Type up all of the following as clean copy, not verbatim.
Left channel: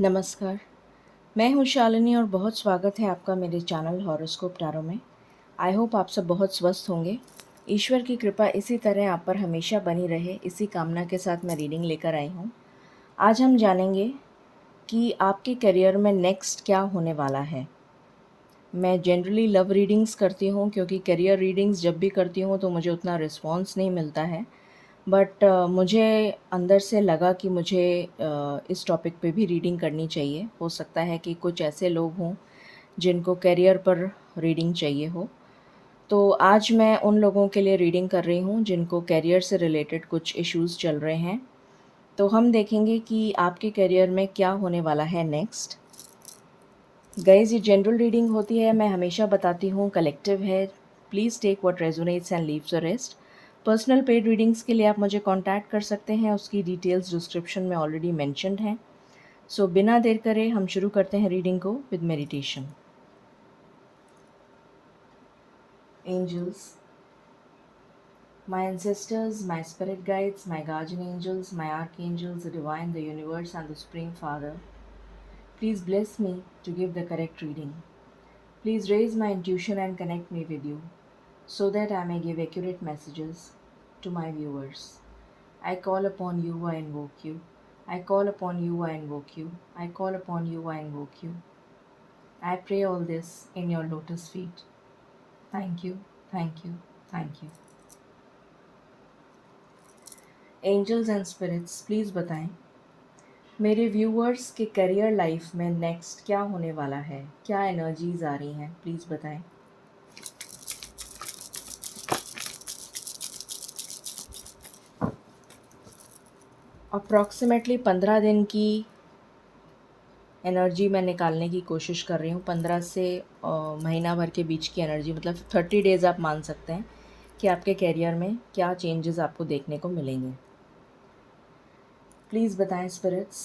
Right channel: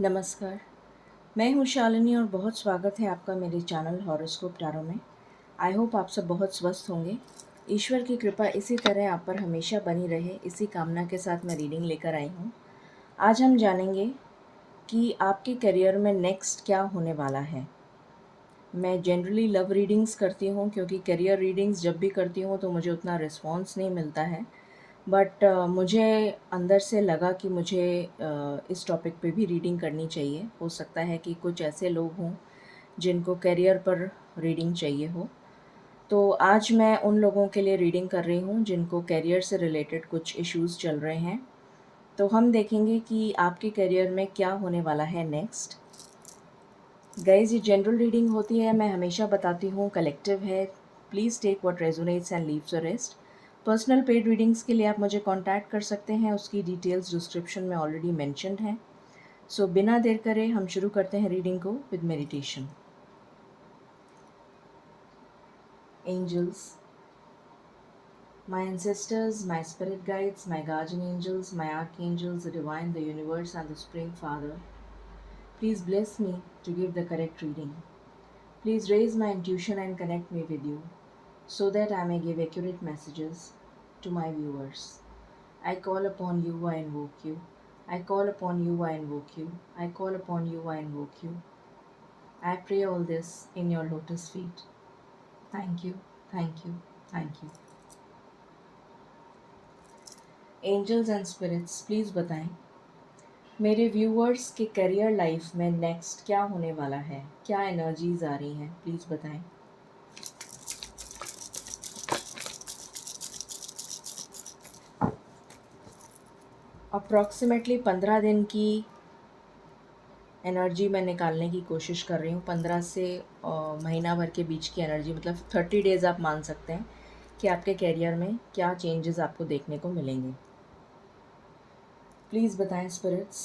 नमस्कार, मैं हूँ शालिनी और बहुत स्वागत है आपका मेरे चैनल हॉरोस्कोप टैरो में। आई होप आप सब बहुत स्वस्थ होंगे। ईश्वर की कृपा इसी तरह आप पर हमेशा बनी रहे, इसी कामना के साथ मैं रीडिंग लेकर आई हूँ। आज हम जानेंगे कि आपके करियर में नेक्स्ट क्या होने वाला है। मैं जनरली लव रीडिंग्स करती हूँ क्योंकि करियर रीडिंग्स जब भी करती हूँ तो मुझे उतना रिस्पॉन्स नहीं मिलता है। बट मुझे अंदर से लगा कि मुझे इस टॉपिक पे भी रीडिंग करनी चाहिए। हो सकता है कि कुछ ऐसे लोग हों जिनको करियर पर रीडिंग चाहिए हो। तो आज मैं उन लोगों के लिए रीडिंग कर रही हूँ जिनको करियर से रिलेटेड कुछ इश्यूज़ चल रहे हैं। तो हम देखेंगे कि आपके करियर में क्या होने वाला है नेक्स्ट। गाइज, ये जनरल रीडिंग होती है, मैं हमेशा बताती हूँ, कलेक्टिव है। Please take what resonates and leaves the rest. Personal paid readings के लिए आप मुझे कांटेक्ट कर सकते हैं, उसकी डिटेल्स डिस्क्रिप्शन में ऑलरेडी मेंशन्ड हैं। सो बिना देर करे हम शुरू करते हैं रीडिंग को with meditation. Angels, my ancestors, my spirit guides, my guardian angels, my archangels, the divine, the universe, and the Supreme Father, please bless me to give the correct reading. Please raise my intuition and connect me with you, so that I may give accurate messages to my viewers. I call upon you, I invoke you. I call upon you, I invoke you. I call upon you, I invoke you. I pray all this in your lotus feet. Thank you, thank you, thank you. Angels and spirits, please बताएं मेरे viewers के career life में next क्या होने वाला है, क्या energies आ रही हैं, प्लीज़ बताएं। अप्रॉक्सीमेटली 15 दिन की एनर्जी मैं निकालने की कोशिश कर रही हूँ। 15 से महीना भर के बीच की एनर्जी, मतलब 30 डेज़ आप मान सकते हैं कि आपके करियर में क्या चेंजेस आपको देखने को मिलेंगे। प्लीज़ बताएं स्पिरिट्स,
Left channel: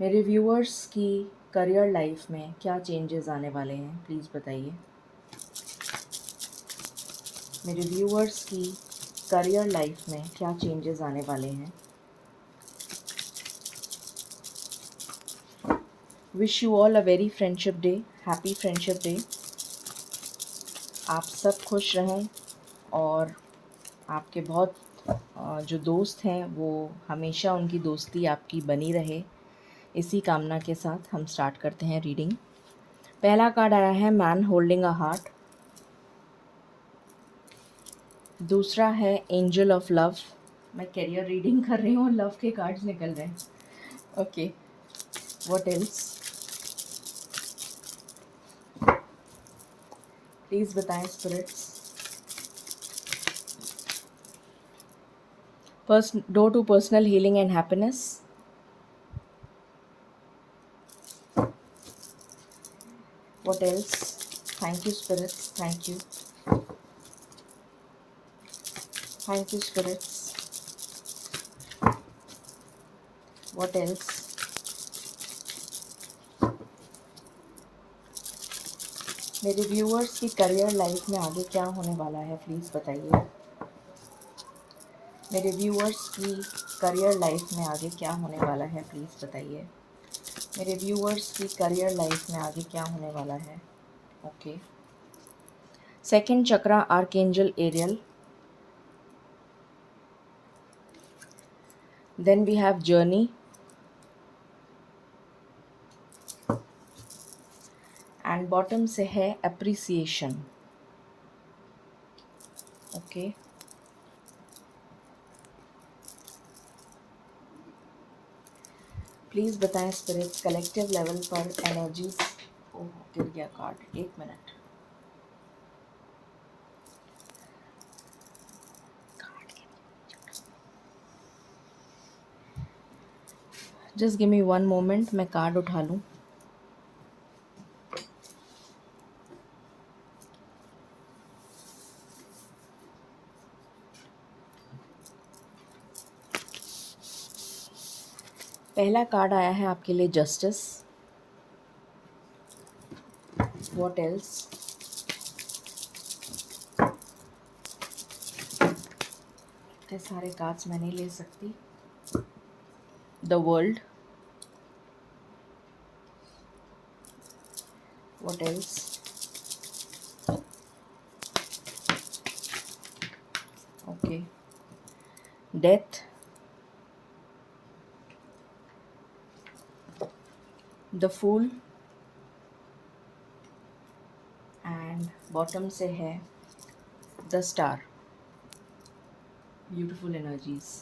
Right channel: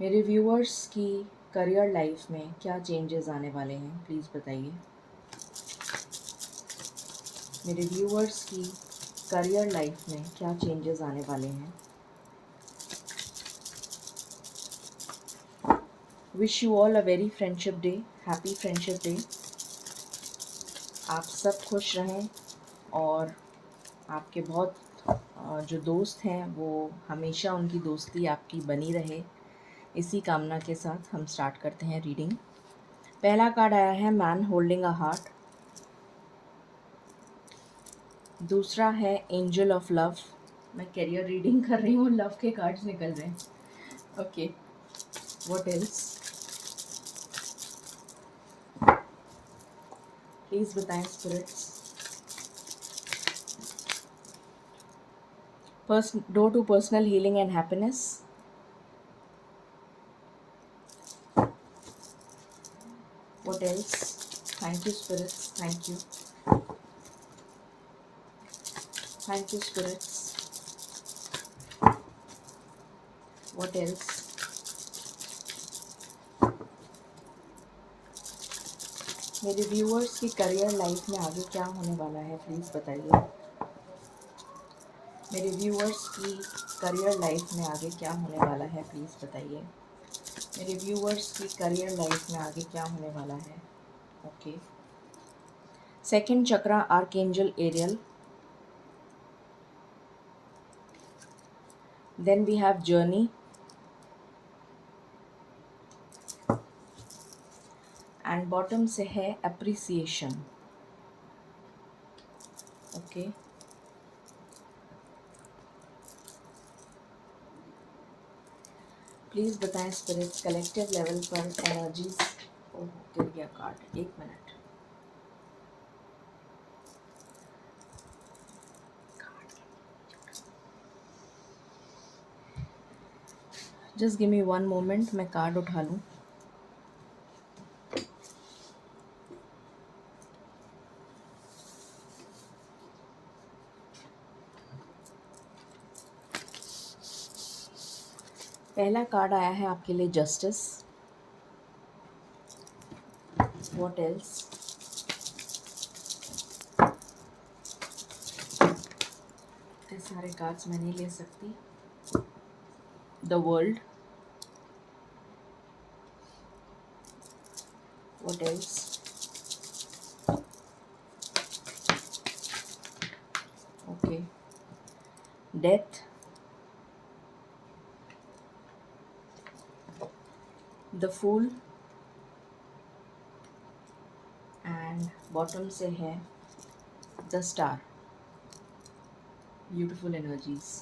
मेरे व्यूअर्स की करियर लाइफ में क्या चेंजेस आने वाले हैं, प्लीज़ बताइए। मेरे व्यूअर्स की करियर लाइफ में क्या चेंजेस आने वाले हैं। Wish you all a very friendship day, happy friendship day. आप सब खुश रहें और आपके बहुत जो दोस्त हैं वो हमेशा उनकी दोस्ती आपकी बनी रहे, इसी कामना के साथ हम स्टार्ट करते हैं रीडिंग। पहला कार्ड आया है मैन होल्डिंग अ हार्ट। दूसरा है एंजल ऑफ लव। मैं करियर रीडिंग कर रही हूँ, लव के कार्ड्स निकल रहे हैं। ओके, व्हाट एल्स, प्लीज़ बताएं spirits. Door to personal healing and happiness. What else? Thank you, spirits. Thank you. Thank you, spirits. What else? मेरे व्यूअर्स की करियर लाइफ में आगे क्या होने वाला है, प्लीज़ बताइए। मेरे व्यूअर्स की करियर लाइफ में आगे क्या होने वाला है, प्लीज़ बताइए। मेरे व्यूअर्स की करियर लाइफ में आगे क्या होने वाला है। Okay, second chakra archangel Ariel. Then we have journey and bottom से है अप्रिसिएशन। ओके, प्लीज़ बताएं स्पिरिट्स कलेक्टिव लेवल पर एनर्जीज। ओह, गिर गया कार्ड, एक मिनट। जस्ट गिव मी 1 मोमेंट, मैं कार्ड उठा लूँ। पहला कार्ड आया है आपके लिए जस्टिस। व्हाट एल्स, इतने सारे कार्ड्स मैं नहीं ले सकती। The world, What else? Okay. Death, the Fool, and bottom से है the star. Beautiful energies.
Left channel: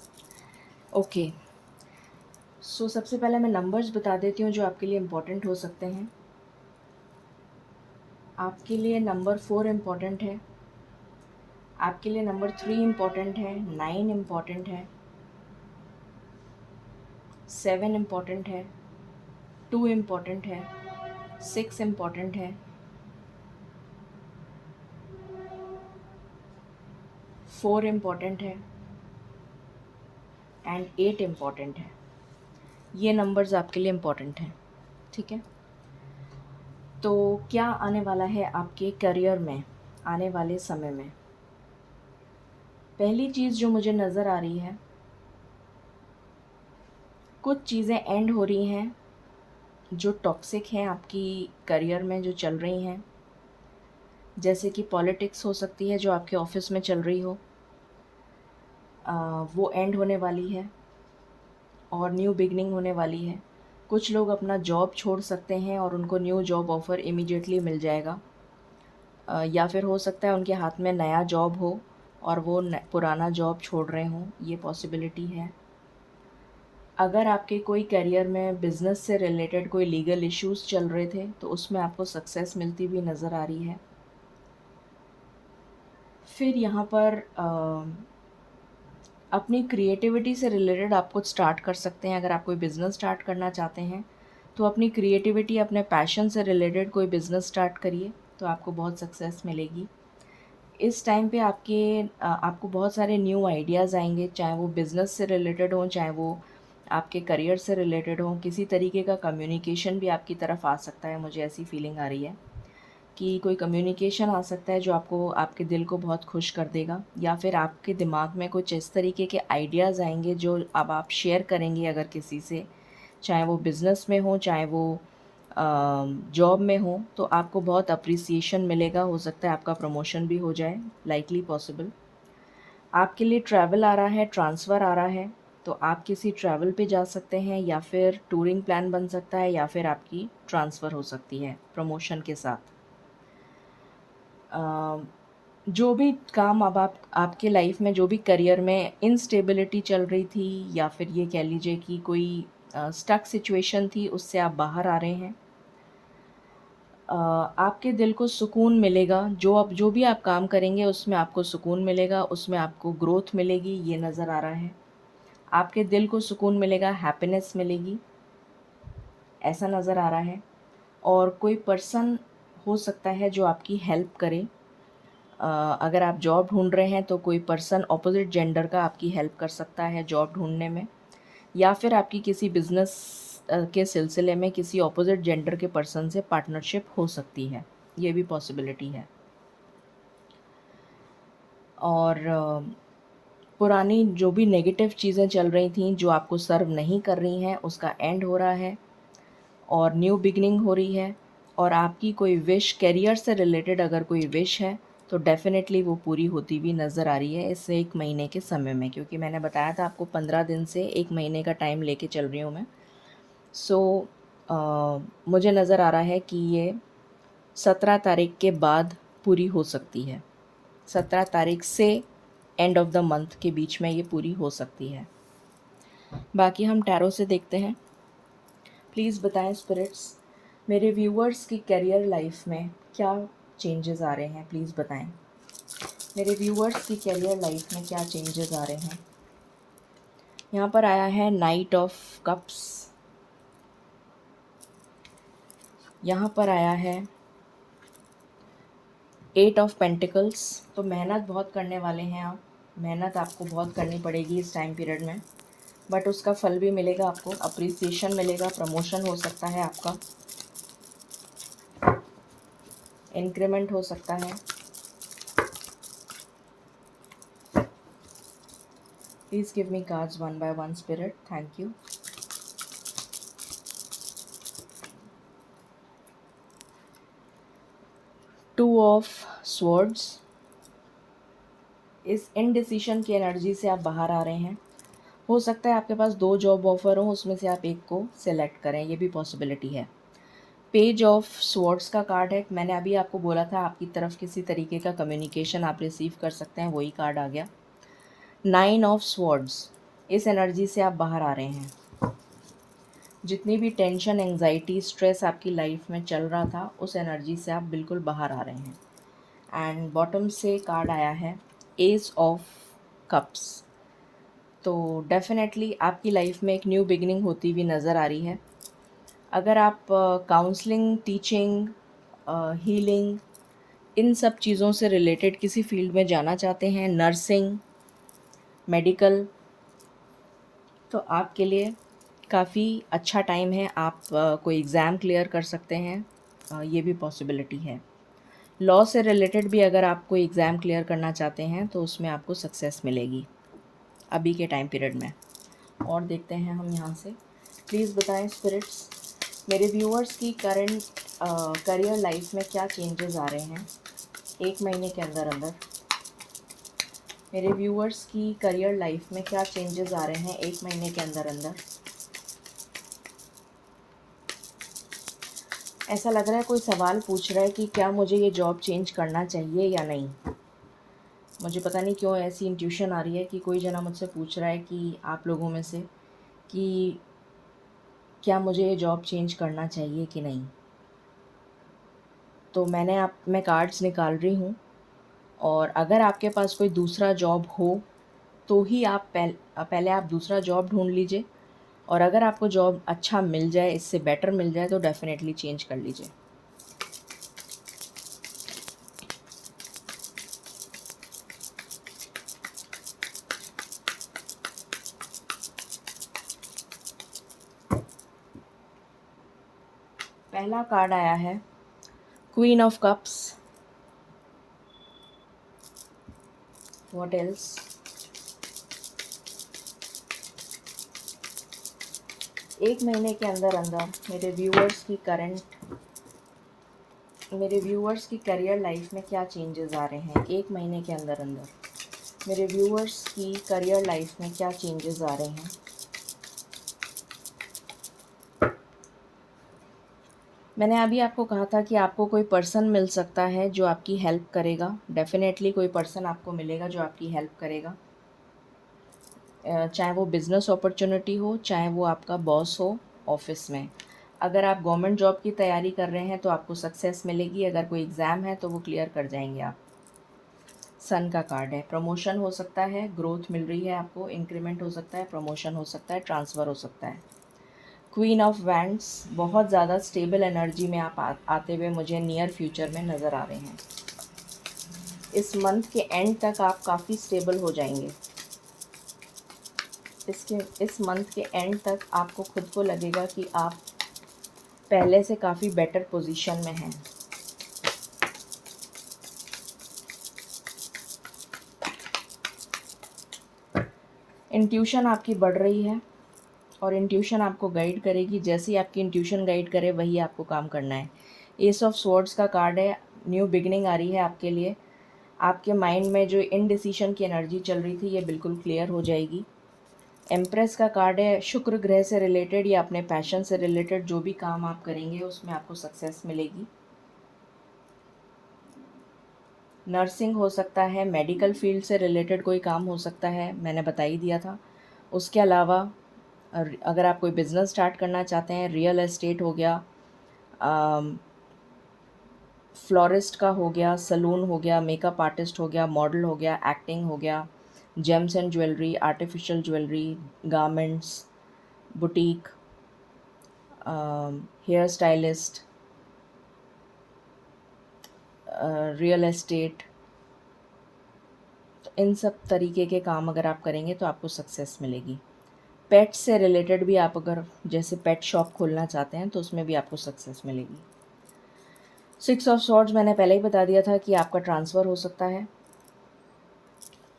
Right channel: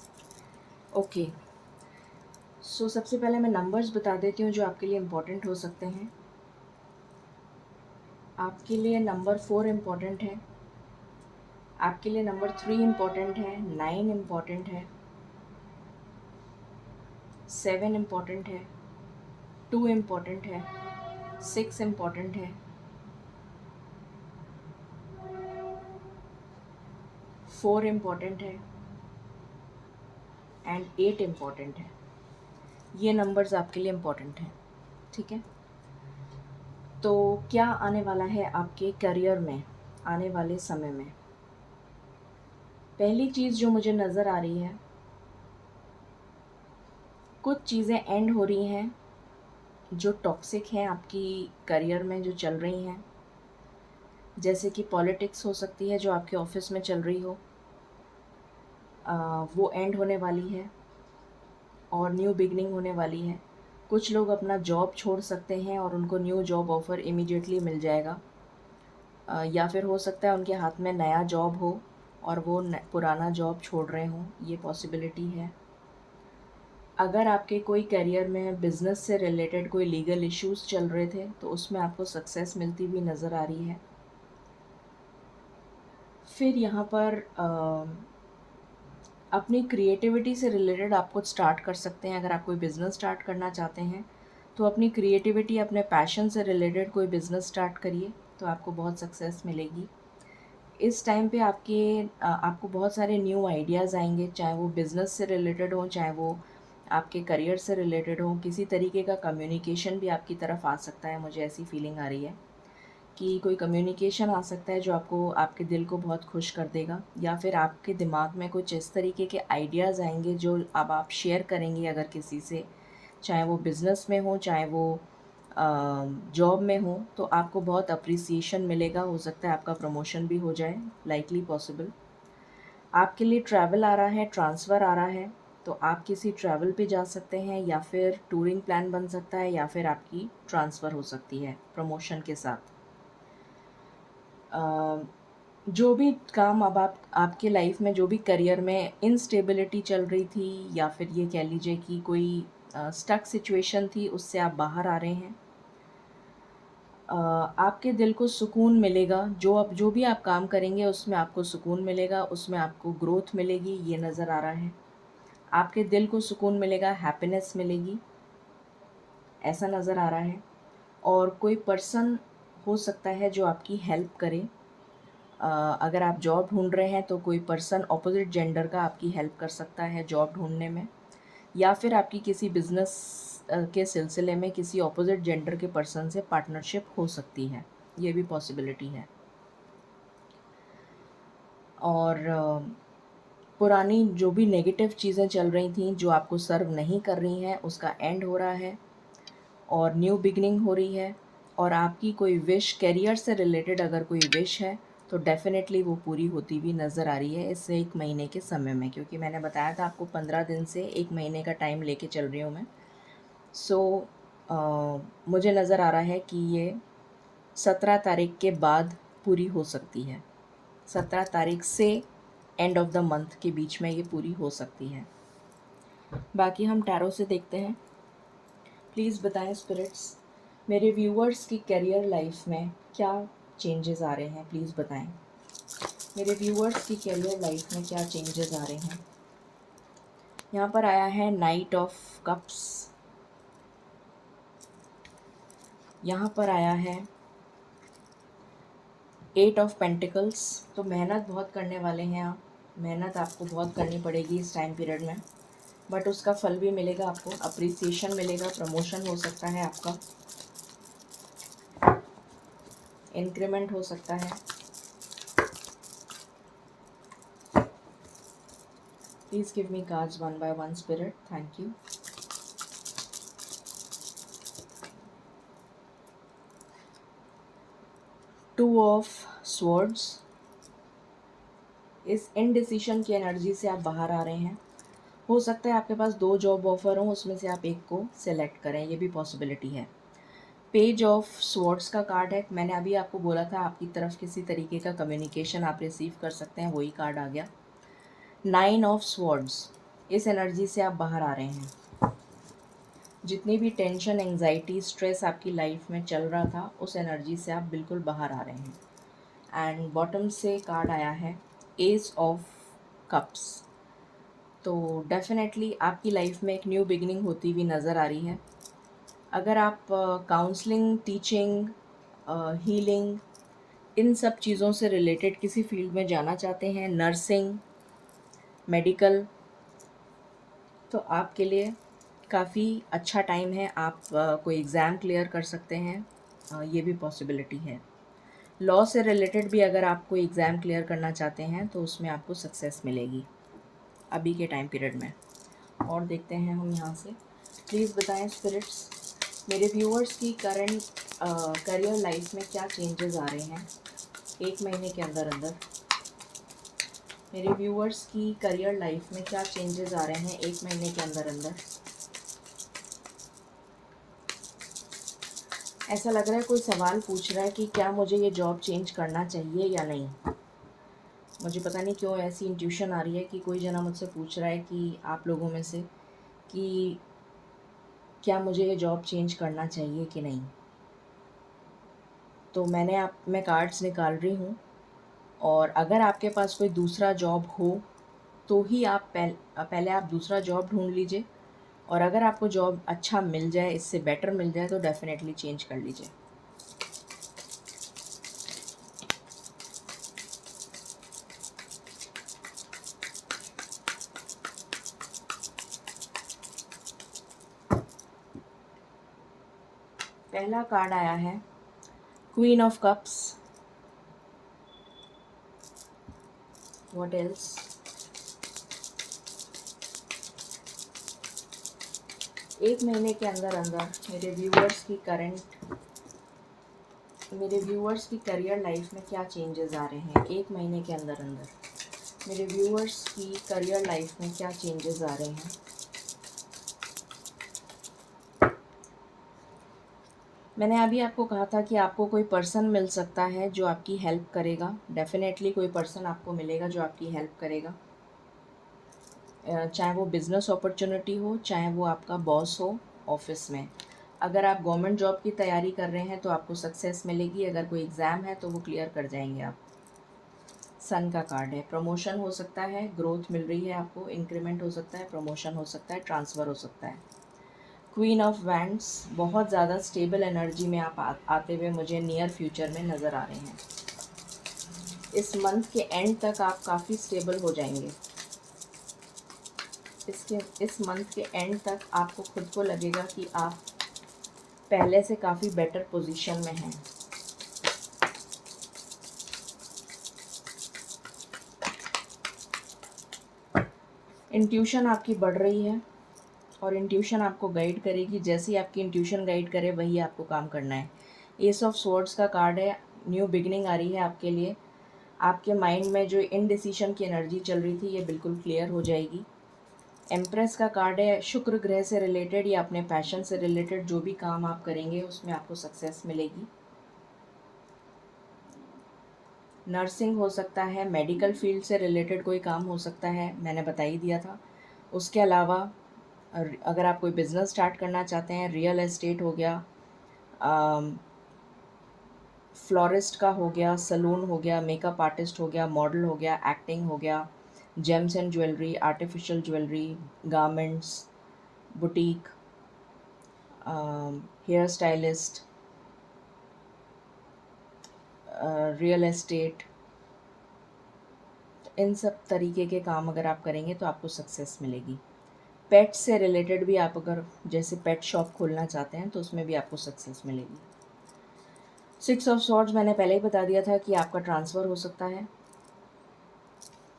Okay, so सबसे पहले मैं नंबर्स बता देती हूँ जो आपके लिए इम्पोर्टेंट हो सकते हैं. आपके लिए नंबर 4 इम्पोर्टेंट है. आपके लिए नंबर 3 इम्पोर्टेंट है. 9 इम्पोर्टेंट है. 7 इम्पोर्टेंट है. 2 इम्पोर्टेंट है. 6 इम्पोर्टेंट है. 4 इम्पोर्टेंट है. एंड 8 इम्पोर्टेंट है. ये नंबर्स आपके लिए इम्पोर्टेंट हैं. ठीक है. तो क्या आने वाला है आपके करियर में आने वाले समय में? पहली चीज़ जो मुझे नज़र आ रही है, कुछ चीज़ें एंड हो रही हैं जो टॉक्सिक हैं आपकी करियर में, जो चल रही हैं. जैसे कि पॉलिटिक्स हो सकती है जो आपके ऑफिस में चल रही हो, वो एंड होने वाली है और न्यू बिगनिंग होने वाली है. कुछ लोग अपना जॉब छोड़ सकते हैं और उनको न्यू जॉब ऑफ़र इमीडिएटली मिल जाएगा. या फिर हो सकता है उनके हाथ में नया जॉब हो और वो पुराना जॉब छोड़ रहे हों. ये पॉसिबिलिटी है. अगर आपके कोई करियर में बिज़नेस से रिलेटेड कोई लीगल इश्यूज़ चल रहे थे तो उसमें आपको सक्सेस मिलती हुई नज़र आ रही है. फिर यहाँ पर अपनी क्रिएटिविटी से रिलेटेड आप कुछ स्टार्ट कर सकते हैं. अगर आप कोई बिज़नेस स्टार्ट करना चाहते हैं तो अपनी क्रिएटिविटी, अपने पैशन से रिलेटेड कोई बिज़नेस स्टार्ट करिए तो आपको बहुत सक्सेस मिलेगी. इस टाइम पे आपको बहुत सारे न्यू आइडियाज़ आएंगे, चाहे वो बिज़नेस से रिलेटेड हों, चाहे वो आपके करियर से रिलेटेड हों. किसी तरीके का कम्युनिकेशन भी आपकी तरफ आ सकता है. मुझे ऐसी फीलिंग आ रही है कि कोई कम्युनिकेशन आ सकता है जो आपको, आपके दिल को बहुत खुश कर देगा. या फिर आपके दिमाग में कुछ इस तरीके के आइडियाज़ आएंगे जो अब आप शेयर करेंगे अगर किसी से, चाहे वो बिज़नेस में हो, चाहे वो जॉब में हो, तो आपको बहुत अप्रिसिएशन मिलेगा. हो सकता है आपका प्रमोशन भी हो जाए, लाइकली पॉसिबल. आपके लिए ट्रैवल आ रहा है, ट्रांसफ़र आ रहा है, तो आप किसी ट्रैवल पे जा सकते हैं या फिर टूरिंग प्लान बन सकता है या फिर आपकी ट्रांसफ़र हो सकती है प्रमोशन के साथ. जो भी काम अब आप, आपके लाइफ में जो भी करियर में इनस्टेबिलिटी चल रही थी या फिर ये कह लीजिए कि कोई स्टक सिचुएशन थी, उससे आप बाहर आ रहे हैं. आपके दिल को सुकून मिलेगा. जो भी आप काम करेंगे उसमें आपको सुकून मिलेगा, उसमें आपको ग्रोथ मिलेगी. ये नज़र आ रहा है. आपके दिल को सुकून मिलेगा, हैप्पीनेस मिलेगी, ऐसा नज़र आ रहा है. और कोई पर्सन हो सकता है जो आपकी हेल्प करे. अगर आप जॉब ढूंढ रहे हैं तो कोई पर्सन ऑपोजिट जेंडर का आपकी हेल्प कर सकता है जॉब ढूंढने में. या फिर आपकी किसी बिज़नेस के सिलसिले में किसी ऑपोजिट जेंडर के पर्सन से पार्टनरशिप हो सकती है. ये भी पॉसिबिलिटी है. और पुरानी जो भी नेगेटिव चीज़ें चल रही थी जो आपको सर्व नहीं कर रही हैं, उसका एंड हो रहा है और न्यू बिगनिंग हो रही है. और आपकी कोई विश, करियर से रिलेटेड अगर कोई विश है तो डेफ़िनेटली वो पूरी होती हुई नज़र आ रही है इस 1 महीने के समय में. क्योंकि मैंने बताया था आपको 15 दिन से 1 महीने का टाइम लेके चल रही हूँ मैं. सो मुझे नज़र आ रहा है कि ये 17 तारीख के बाद पूरी हो सकती है. 17 तारीख से एंड ऑफ द मंथ के बीच में ये पूरी हो सकती है. बाकी हम टैरो से देखते हैं. प्लीज़ बताएं स्पिरिट्स, मेरे व्यूअर्स की करियर लाइफ में क्या चेंजेस आ रहे हैं. प्लीज़ बताएं मेरे व्यूअर्स की करियर लाइफ में क्या चेंजेस आ रहे हैं. यहाँ पर आया है नाइट ऑफ कप्स. यहाँ पर आया है 8 ऑफ पेंटिकल्स. तो मेहनत बहुत करने वाले हैं आप. मेहनत आपको बहुत करनी पड़ेगी इस टाइम पीरियड में, बट उसका फल भी मिलेगा आपको. अप्रिसिएशन मिलेगा, प्रमोशन हो सकता है आपका, इंक्रीमेंट हो सकता है. Please give me cards one by one spirit. Thank you. Two of swords, इस इनडिसीशन की एनर्जी से आप बाहर आ रहे हैं। हो सकता है आपके पास 2 जॉब ऑफ़र हो, उसमें से आप एक को सेलेक्ट करें, ये भी पॉसिबिलिटी है। पेज ऑफ स्वॉर्ड्स का कार्ड है। मैंने अभी आपको बोला था आपकी तरफ किसी तरीके का कम्युनिकेशन आप रिसीव कर सकते हैं, वही कार्ड आ गया। 9 ऑफ स्वॉर्ड्स, इस एनर्जी से आप बाहर आ रहे हैं। जितनी भी टेंशन, एंग्जाइटी, स्ट्रेस आपकी लाइफ में चल रहा था, उस एनर्जी से आप बिल्कुल बाहर आ रहे हैं। एंड बॉटम से कार्ड आया है एस ऑफ कप्स। तो डेफिनेटली आपकी लाइफ में एक न्यू बिगिनिंग होती हुई नज़र आ रही है। अगर आप काउंसलिंग, टीचिंग, हीलिंग, इन सब चीज़ों से रिलेटेड किसी फील्ड में जाना चाहते हैं, नर्सिंग, मेडिकल, तो आपके लिए काफ़ी अच्छा टाइम है। आप कोई एग्ज़ाम क्लियर कर सकते हैं, ये भी पॉसिबिलिटी है। लॉ से रिलेटेड भी अगर आप कोई एग्ज़ाम क्लियर करना चाहते हैं तो उसमें आपको सक्सेस मिलेगी अभी के टाइम पीरियड में। और देखते हैं हम यहाँ से, प्लीज़ बताएं स्पिरिट्स, मेरे व्यूअर्स की करंट करियर लाइफ में क्या चेंजेस आ रहे हैं 1 महीने के अंदर अंदर। मेरे व्यूअर्स की करियर लाइफ में क्या चेंजेस आ रहे हैं 1 महीने के अंदर अंदर। ऐसा लग रहा है कोई सवाल पूछ रहा है कि क्या मुझे ये जॉब चेंज करना चाहिए या नहीं। मुझे पता नहीं क्यों ऐसी इंट्यूशन आ रही है कि कोई जना मुझसे पूछ रहा है कि आप लोगों में से कि क्या मुझे ये जॉब चेंज करना चाहिए कि नहीं। तो मैं कार्ड्स निकाल रही हूँ, और अगर आपके पास कोई दूसरा जॉब हो तो ही आप पहले आप दूसरा जॉब ढूंढ लीजिए, और अगर आपको जॉब अच्छा मिल जाए, इससे बेटर मिल जाए, तो डेफ़िनेटली चेंज कर लीजिए। पहला कार्ड आया है queen of cups. What else? एक महीने के अंदर अंदर मेरे व्यूअर्स की करियर लाइफ में क्या चेंजेस आ रहे हैं 1 महीने के अंदर अंदर। मेरे व्यूअर्स की करियर लाइफ में क्या चेंजेस आ रहे हैं। मैंने अभी आपको कहा था कि आपको कोई पर्सन मिल सकता है जो आपकी हेल्प करेगा। डेफ़िनेटली कोई पर्सन आपको मिलेगा जो आपकी हेल्प करेगा, चाहे वो बिज़नेस अपॉर्चुनिटी हो, चाहे वो आपका बॉस हो ऑफिस में। अगर आप गवर्नमेंट जॉब की तैयारी कर रहे हैं तो आपको सक्सेस मिलेगी। अगर कोई एग्ज़ाम है तो वो क्लियर कर जाएंगे आप। सन का कार्ड है। प्रमोशन हो सकता है, ग्रोथ मिल रही है आपको, इंक्रीमेंट हो सकता है, प्रमोशन हो सकता है, ट्रांसफ़र हो सकता है। क्वीन ऑफ वैंड्स, बहुत ज़्यादा स्टेबल एनर्जी में आप आते हुए मुझे नियर फ्यूचर में नज़र आ रहे हैं। इस मंथ के एंड तक आप काफ़ी स्टेबल हो जाएंगे। इस मंथ के एंड तक आपको खुद को लगेगा कि आप पहले से काफ़ी बेटर पोजीशन में हैं। इंट्यूशन आपकी बढ़ रही है, और इंट्यूशन आपको गाइड करेगी। जैसे ही आपकी इंट्यूशन गाइड करे वही आपको काम करना है। एस ऑफ स्वॉर्ड्स का कार्ड है। न्यू बिगनिंग आ रही है आपके लिए। आपके माइंड में जो इनडिसीशन की एनर्जी चल रही थी, ये बिल्कुल क्लियर हो जाएगी। एम्प्रेस का कार्ड है। शुक्र ग्रह से रिलेटेड या अपने पैशन से रिलेटेड जो भी काम आप करेंगे उसमें आपको सक्सेस मिलेगी। नर्सिंग हो सकता है, मेडिकल फील्ड से रिलेटेड कोई काम हो सकता है, मैंने बता ही दिया था। उसके अलावा अगर आप कोई बिज़नेस स्टार्ट करना चाहते हैं, रियल एस्टेट हो गया, फ्लोरिस्ट का हो गया, सलून हो गया, मेकअप आर्टिस्ट हो गया, मॉडल हो गया, एक्टिंग हो गया, gems and jewellery, artificial jewellery, garments, boutique, hair stylist, real estate, इन सब तरीके के काम अगर आप करेंगे तो आपको सक्सेस मिलेगी। पेट से रिलेटेड भी आप अगर जैसे पेट शॉप खोलना चाहते हैं तो उसमें भी आपको सक्सेस मिलेगी। 6 ऑफ स्वॉर्ड्स मैंने पहले ही बता दिया था कि आपका ट्रांसफ़र हो सकता है,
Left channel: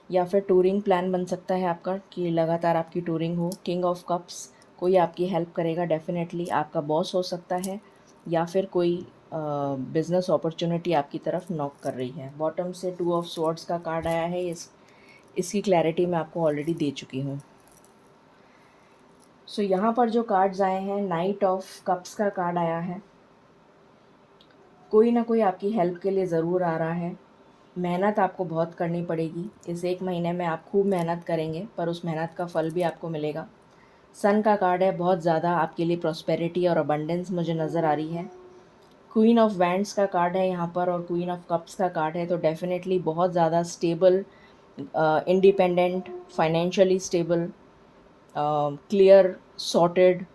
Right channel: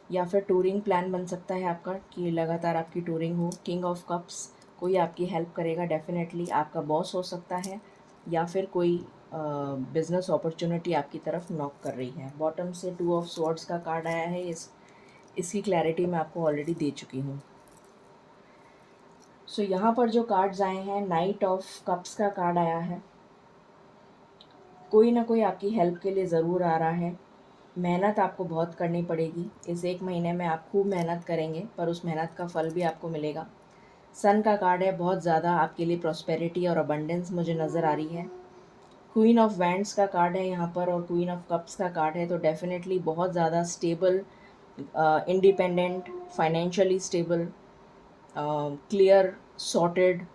या फिर टूरिंग प्लान बन सकता है आपका कि लगातार आपकी टूरिंग हो। किंग ऑफ कप्स, कोई आपकी हेल्प करेगा डेफिनेटली, आपका बॉस हो सकता है या फिर कोई बिज़नेस अपॉर्चुनिटी आपकी तरफ नॉक कर रही है। बॉटम से 2 ऑफ स्वॉर्ड्स का कार्ड आया है, इसकी क्लैरिटी मैं आपको ऑलरेडी दे चुकी हूँ। सो यहाँ पर जो कार्ड्स आए हैं, नाइट ऑफ कप्स का कार्ड आया है। कोई ना कोई आपकी हेल्प के लिए ज़रूर आ रहा है। मेहनत आपको बहुत करनी पड़ेगी। इस 1 महीने में आप खूब मेहनत करेंगे, पर उस मेहनत का फल भी आपको मिलेगा। सन का कार्ड है, बहुत ज़्यादा आपके लिए प्रॉस्पेरिटी और अबंडेंस मुझे नज़र आ रही है। क्वीन ऑफ वैंड्स का कार्ड है यहाँ पर और क्वीन ऑफ कप्स का कार्ड है, तो डेफिनेटली बहुत ज़्यादा stable, independent, financially stable, clear, sorted,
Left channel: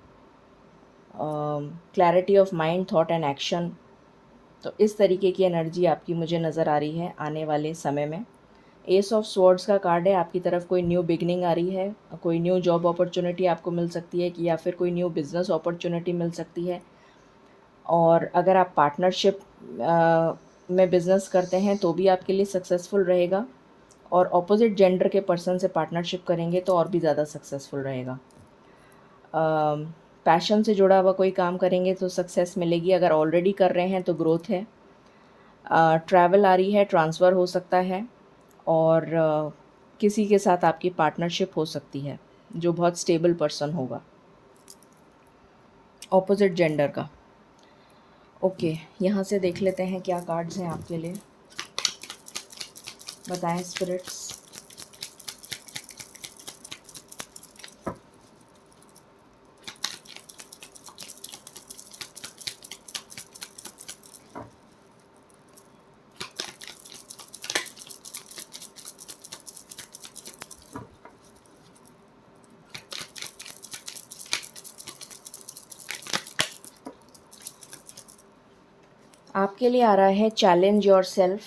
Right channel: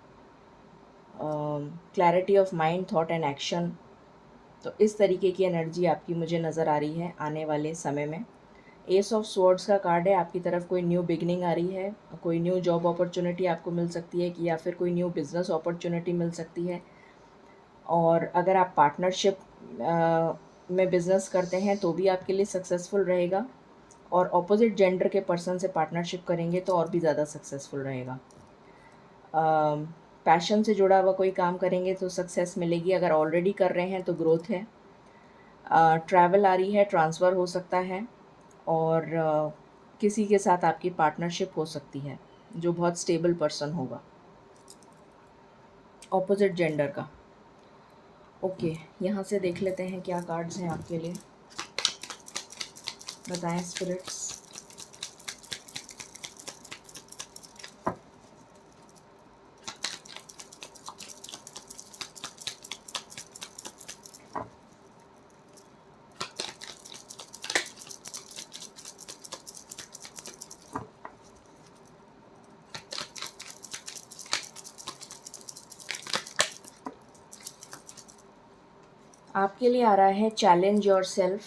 clarity of mind, thought and action. तो इस तरीके की एनर्जी आपकी मुझे नज़र आ रही है आने वाले समय में। एस ऑफ स्वॉर्ड्स का कार्ड है, आपकी तरफ कोई न्यू बिगनिंग आ रही है, कोई न्यू जॉब अपॉर्चुनिटी आपको मिल सकती है कि या फिर कोई न्यू बिज़नेस अपॉर्चुनिटी मिल सकती है। और अगर आप पार्टनरशिप में बिज़नेस करते हैं तो भी आपके लिए सक्सेसफुल रहेगा, और ऑपोजिट जेंडर के पर्सन से पार्टनरशिप करेंगे तो और भी ज़्यादा सक्सेसफुल रहेगा। पैशन से जुड़ा हुआ कोई काम करेंगे तो सक्सेस मिलेगी, अगर ऑलरेडी कर रहे हैं तो ग्रोथ है। ट्रैवल आ रही है, ट्रांसफ़र हो सकता है, और किसी के साथ आपकी पार्टनरशिप हो सकती है जो बहुत स्टेबल पर्सन होगा, ऑपोजिट जेंडर का। ओके, यहाँ से देख लेते हैं क्या कार्ड्स हैं आपके लिए। बताएं स्पिरिट्स। आपके लिए आ रहा है चैलेंज योर सेल्फ।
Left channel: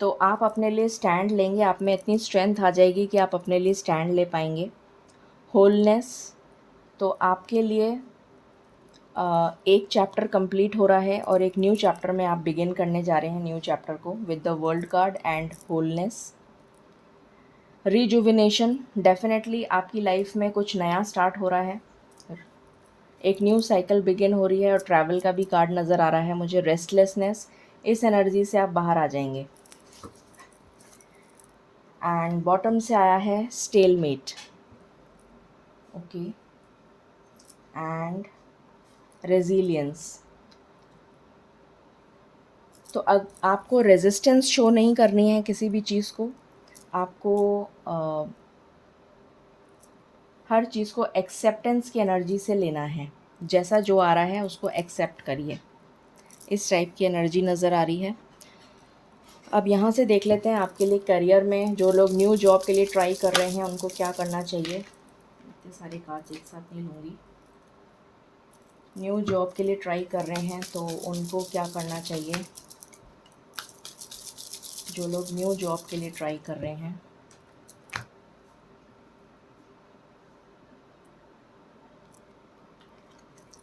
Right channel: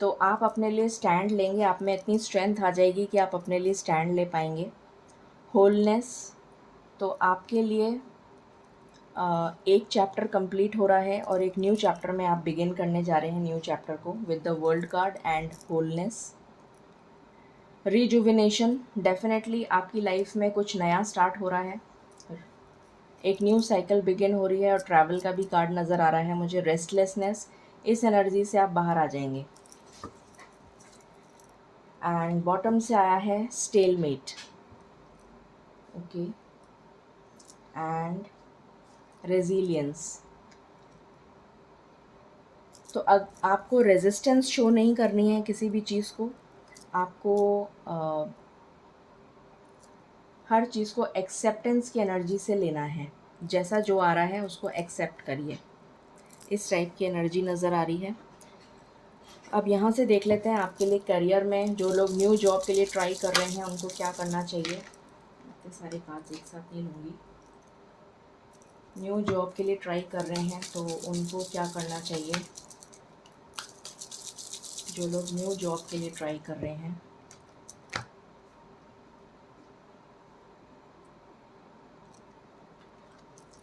तो आप अपने लिए स्टैंड लेंगे, आप में इतनी स्ट्रेंथ आ जाएगी कि आप अपने लिए स्टैंड ले पाएंगे। होलनेस, तो आपके लिए एक चैप्टर कंप्लीट हो रहा है और एक न्यू चैप्टर में आप बिगिन करने जा रहे हैं न्यू चैप्टर को with the world card and wholeness. Rejuvenation, definitely आपकी लाइफ में कुछ नया स्टार्ट हो रहा है, एक न्यू साइकिल बिगिन हो रही है, और ट्रैवल का भी कार्ड नज़र आ रहा है मुझे। रेस्टलेसनेस, इस एनर्जी से आप बाहर आ जाएंगे। एंड बॉटम से आया है स्टेलमेट। Okay, and resilience. तो अब आपको रेजिस्टेंस शो नहीं करनी है किसी भी चीज़ को, आपको हर चीज़ को एक्सेप्टेंस की एनर्जी से लेना है। जैसा जो आ रहा है उसको एक्सेप्ट करिए, इस टाइप की एनर्जी नज़र आ रही है। अब यहाँ से देख लेते हैं आपके लिए करियर में जो लोग न्यू जॉब के लिए ट्राई कर रहे हैं उनको क्या करना चाहिए। इतने सारे कार्ड्स एक साथ नहीं लूँगी। न्यू जॉब के लिए ट्राई कर रहे हैं तो उनको क्या करना चाहिए, जो लोग न्यू जॉब के लिए ट्राई कर रहे हैं।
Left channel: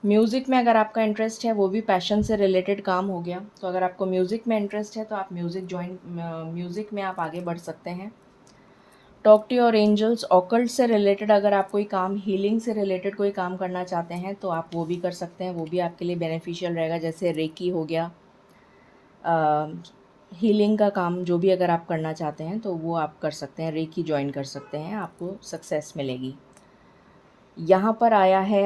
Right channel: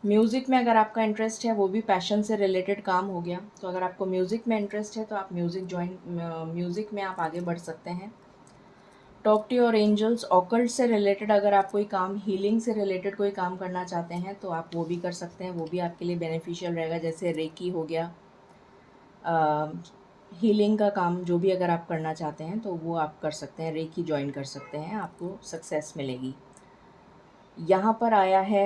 म्यूज़िक में अगर आपका इंटरेस्ट है, वो भी पैशन से रिलेटेड काम हो गया, तो अगर आपको म्यूज़िक में इंटरेस्ट है तो आप म्यूज़िक में आप आगे बढ़ सकते हैं। Talk to your angels, occult से रिलेटेड अगर आप कोई काम, हीलिंग से रिलेटेड कोई काम करना चाहते हैं तो आप वो भी कर सकते हैं, वो भी आपके लिए बेनिफिशियल रहेगा। जैसे रेकी हो गया, हीलिंग का काम जो भी अगर आप करना चाहते हैं तो वो आप कर सकते हैं, रेकी ज्वाइन कर सकते हैं, आपको सक्सेस मिलेगी। यहाँ पर आया है,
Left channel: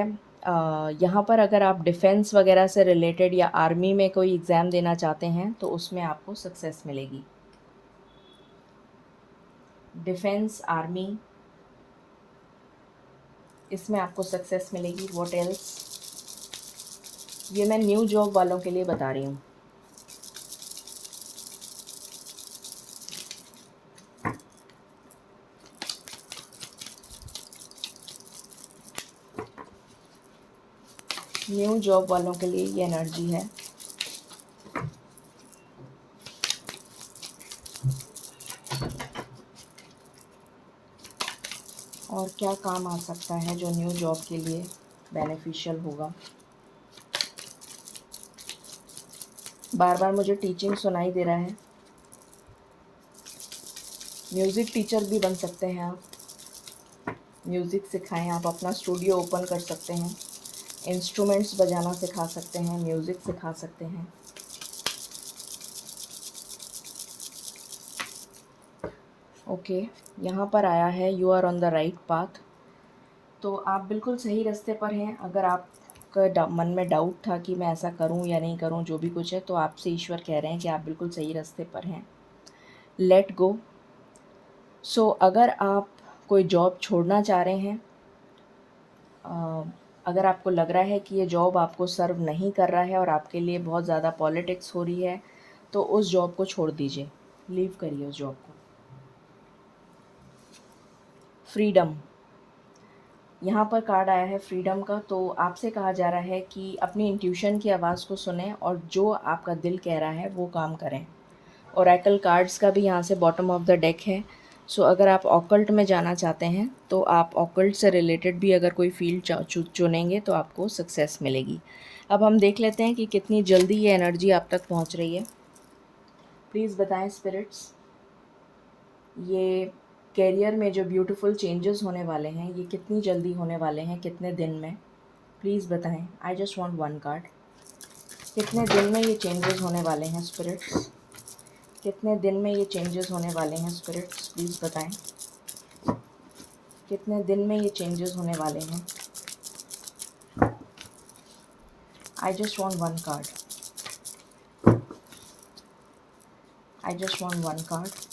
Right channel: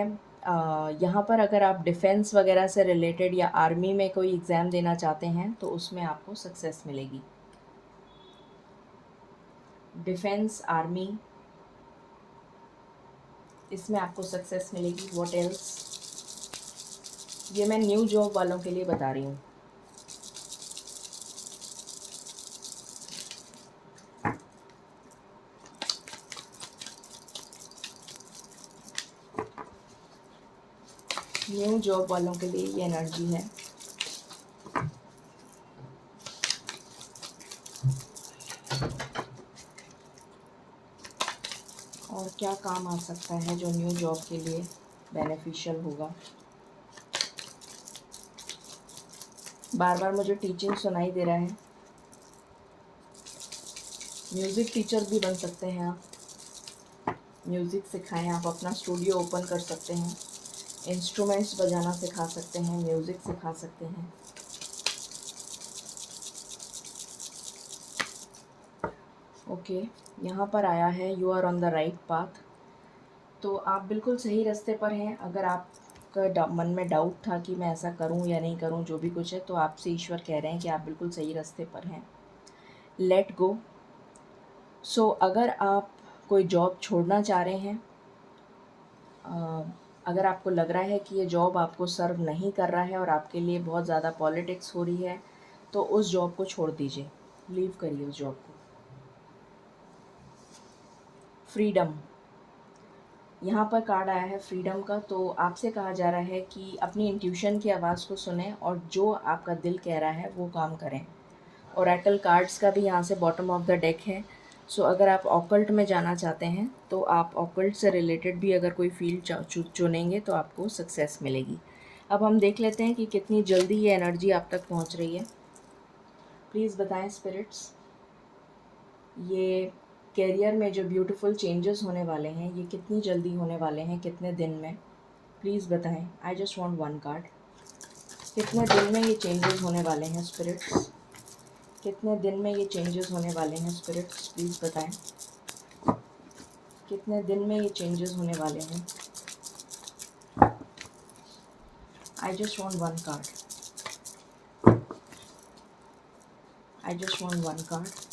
यहाँ पर अगर आप डिफेंस वगैरह से रिलेटेड या आर्मी में कोई एग्ज़ाम देना चाहते हैं तो उसमें आपको सक्सेस मिलेगी। डिफेंस, आर्मी, इसमें आपको सक्सेस मिलेगी। व्हाट एल्स, ये मैं न्यू जॉब वालों के लिए बता रही हूँ। न्यू जॉब वालों के लिए ये एनर्जी है। और क्या काम आ सकता है जो न्यू जॉब के लिए बेनिफिशियल होगा। बार बार मुझे टीचिंग सुनाई दे रहा है। म्यूज़िक टीचर भी बन सकते हैं आप, म्यूज़िक सिखाएं, आप अपना स्टूडियो ओपन कर सकते हैं। इंस्ट्रूमेंट्स बजाना सिखा सकते हैं, म्यूज़िक सिखा सकते हैं। ओके, यहाँ पर आया है you are on the right path. तो आप बिल्कुल सही रास्ते पर हैं। अगर आपका मन में डाउट था कि मैं ऐसा करूं या नहीं करूं, जो भी कुछ है, तो आपसे ईश्वर कह रहे हैं कि आप बिल्कुल सही रास्ते पर हैं। Let go. सो अगर आप कोई जॉब छोड़ना चाह रहे हैं, अगर आपको लग रहा है कि ये जॉब आपको सर्व नहीं कर रहा है और आपके लिए बहुत ज़्यादा पॉलिटिक्स हो रही है, तो उस जॉब को छोड़ दीजिए, लीव करिए उस जॉब को। फ्रीडम, यहाँ पर कार्ड आया है फ्रीडम का। तो आपसे कहा जा रहा है कि अपनी इंट्यूशन की आवाज़ को सुनें और जो आपका दिल कह रहा है वो काम करें। ओरेकल कार्ड्स का भी यहाँ से बॉटम ऑफ द डेक है। सो अगर आप ऑकल्ट में जाना चाहते हैं तो आप ऑकल्ट से रिलेटेड भी अगर कोई फील्ड चुनेंगे तो आपको सक्सेस मिलेगी। अब हम देख लेते हैं कि कितनी जल्दी ये एनर्जी आप तक पहुँच रही है। प्लीज़ बताएं स्पिरिट्स, ये कैरियर में जो ब्यूटीफुल चेंजेस होने वाले हैं ये कितनी जल्दी होने वाले हैं, कितने दिन में? प्लीज़ बताएं। I just want one card. कितने दिन में ये चेंजेस होने वाले हैं स्पिरिट्स? कितने दिन में ये चेंजेस होने वाले हैं स्पिरिट्स? प्लीज़ बताएं। कितने दिन में ये चेंजेस होने वाले हैं? I just want one card. I just want one card.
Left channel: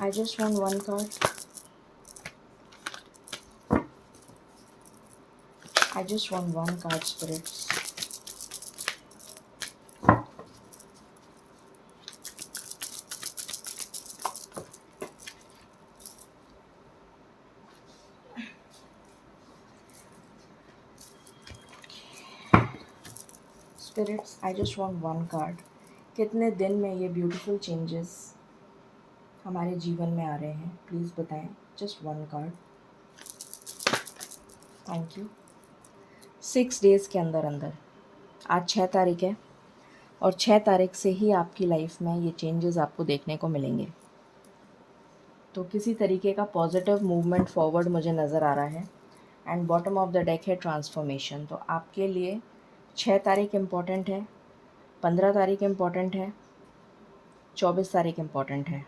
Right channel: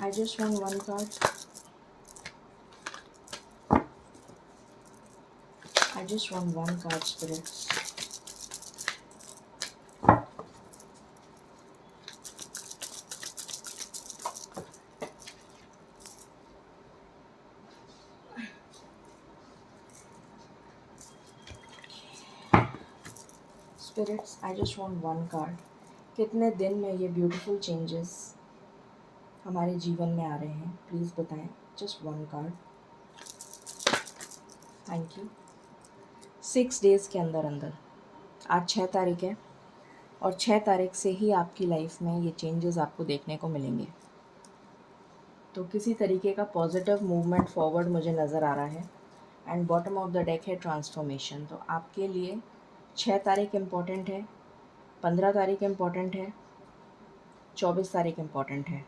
I just want one card. I just want one card, spirits. Spirits, I just want one card. कितने दिन में ये ब्यूटीफुल चेंजेस हमारे जीवन में आ रहे हैं? प्लीज़ बताएं। Just one card. Thank you. 6 days के अंदर अंदर, आज 6 तारीख है और 6 तारीख से ही आपकी लाइफ में ये चेंजेस आपको देखने को मिलेंगे। तो किसी तरीके का पॉजिटिव मूवमेंट फॉरवर्ड मुझे नज़र आ रहा है। And bottom of the deck है ट्रांसफॉर्मेशन। तो आपके लिए 6 तारीख इम्पॉर्टेंट है, 15 तारीख इम्पॉर्टेंट है, 24 तारीख इम्पॉर्टेंट है।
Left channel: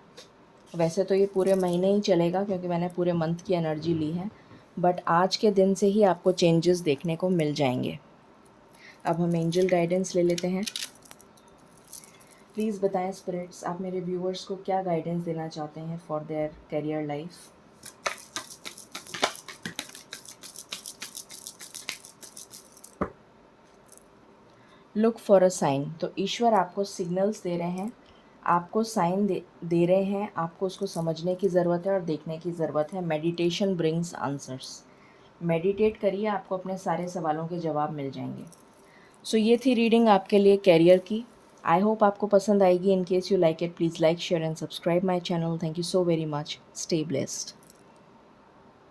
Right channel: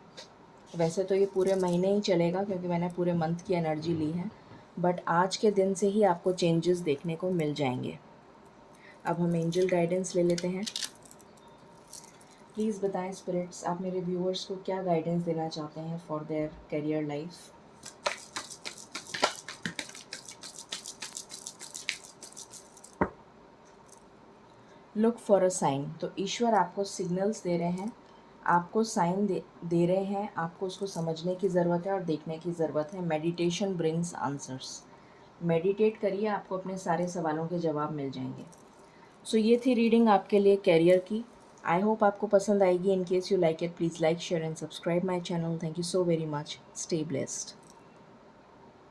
वैसे तो ये पूरे महीने ही चलेगा क्योंकि मैंने पूरे मंथ की एनर्जी ली है, बट आज के दिन से ही आपको चेंजेस देखने को मिल जाएंगे। अब हम एंजल गाइडेंस ले लेते हैं। प्लीज़ बताएं स्पिरिट्स, आप मेरे व्यूअर्स को क्या गाइडेंस देना चाहते हैं for their career life? Look for a sign. तो ईश्वर आपको सिग्नल्स दे रहे हैं, आपको साइन दे रहे हैं, आपको उसको समझने की ज़रूरत है और देखने की ज़रूरत है। Meditation brings answers. मेडिटेट करिए, आपको अपने सारे सवालों के जवाब मिल जाएंगे। सो ये थी रीडिंग आपके लिए कैरियर की। आई होप आपको पसंद आएगी। In case you like it, please like, share and subscribe my channel. Thank you so very much. Stay blessed.